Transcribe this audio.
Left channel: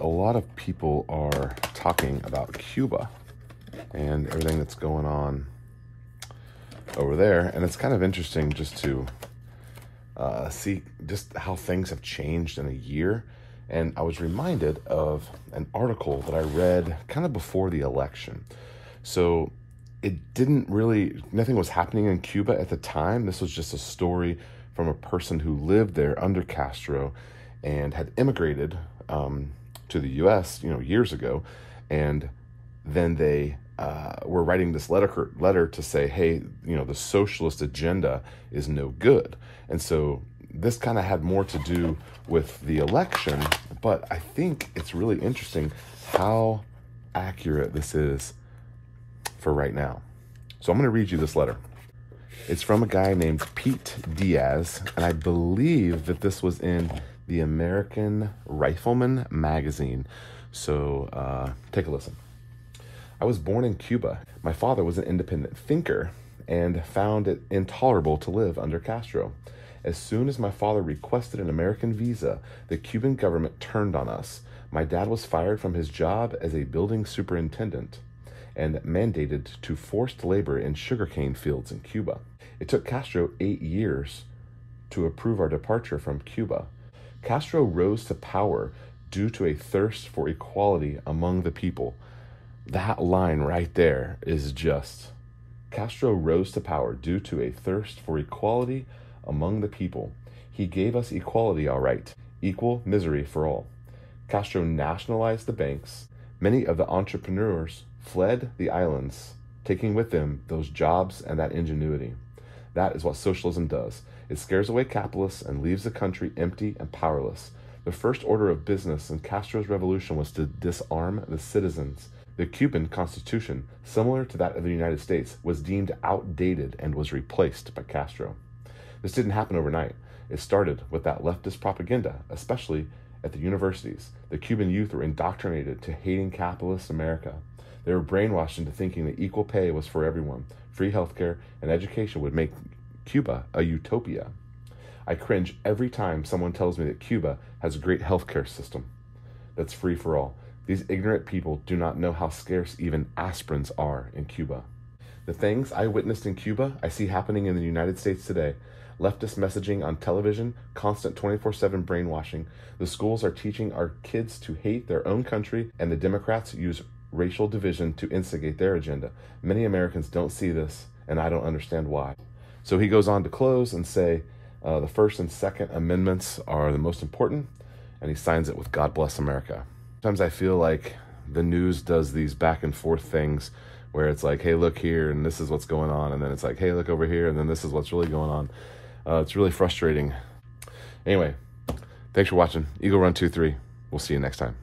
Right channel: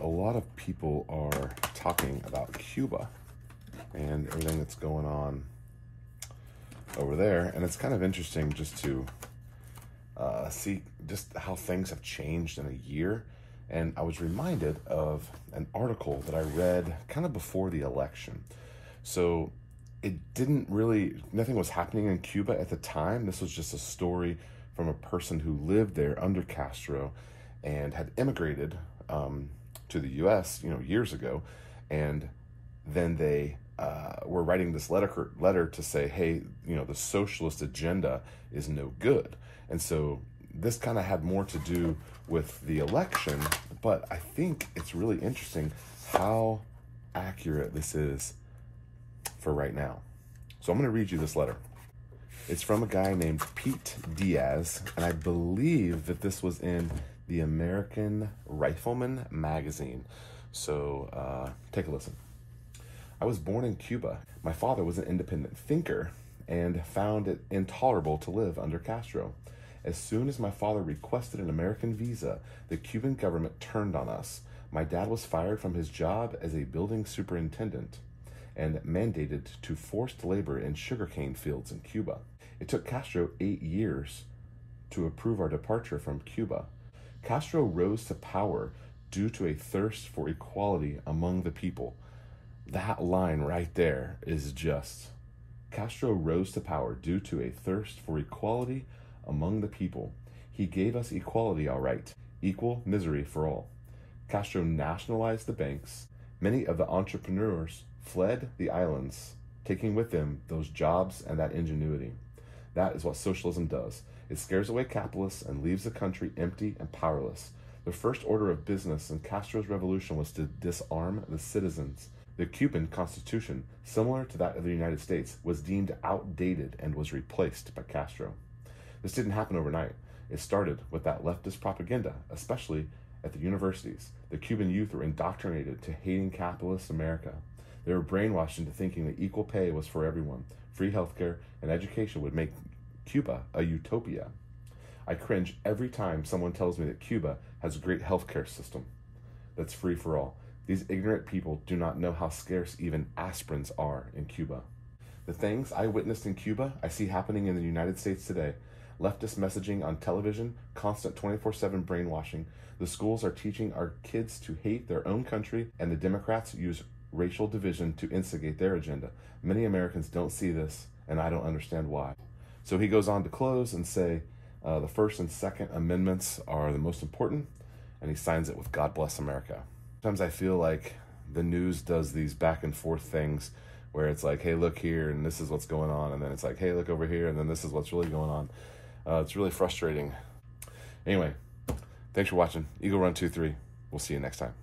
A lot of people are talking about Cuba and everything that's going on over there, and it's kind of interesting just to see just how things have changed in a year. And I was reminded of an article that I read kind of before the election. So it didn't really, nothing was happening in Cuba at the time. This was just a story from a person who lived there under Castro and had immigrated to the US, years ago. And then they were writing this letter to say, hey, the socialist agenda is no good. And so this kind of had more to do with the election, but I think it's really interesting how accurate this is for right now. So I'm going to read you this letter. It's from a guy named Pete Diaz, and I believe that this was in the American Rifleman magazine. So take a listen. I was born in Cuba. My father was an independent thinker and found it intolerable to live under Castro. As soon as my father requested an American visa, the Cuban government turned on us. My dad was fired from his job as a building superintendent and mandated to forced labor in sugarcane fields in Cuba. It took Castro 8 years to approve our departure from Cuba. Castro rose to power due to a thirst for equality among the people. That line right there is just, Castro rose to power due to a thirst for equality among the people. He gave us equality, all right, equal misery for all. Castro nationalized the banks. Many of the entrepreneurs fled the islands, taking with them those jobs and that ingenuity. That is what socialism does. It scares away capitalists and leaves the country empty and powerless. The first order of business in Castro's revolution was to disarm the citizens. The Cuban Constitution, similar to that of the United States, was deemed outdated and was replaced by Castro. This didn't happen overnight. It started with that leftist propaganda, especially at the universities. The Cuban youth were indoctrinated to hating capitalist America. They were brainwashed into thinking that equal pay was for everyone. Free healthcare and education would make Cuba a utopia. I cringe every time someone tells me that Cuba has a great healthcare system that's free for all. These ignorant people do not know how scarce even aspirins are in Cuba. The things I witnessed in Cuba, I see happening in the United States today. Leftist messaging on television, constant 24/7 brainwashing. The schools are teaching our kids to hate their own country, and the Democrats use racial division to instigate their agenda. Many Americans don't see this, and I don't understand why. So he goes on to close and say the First and Second Amendments are the most important, and he signs it with God bless America. Sometimes I feel like the news does these back and forth things where it's like, hey, look here, and this is what's going on, and then it's like, hey, look over here, and then this is what's really going on. It's really frustrating. Anyway, thanks for watching. Eagle Run 23. We'll see you next time.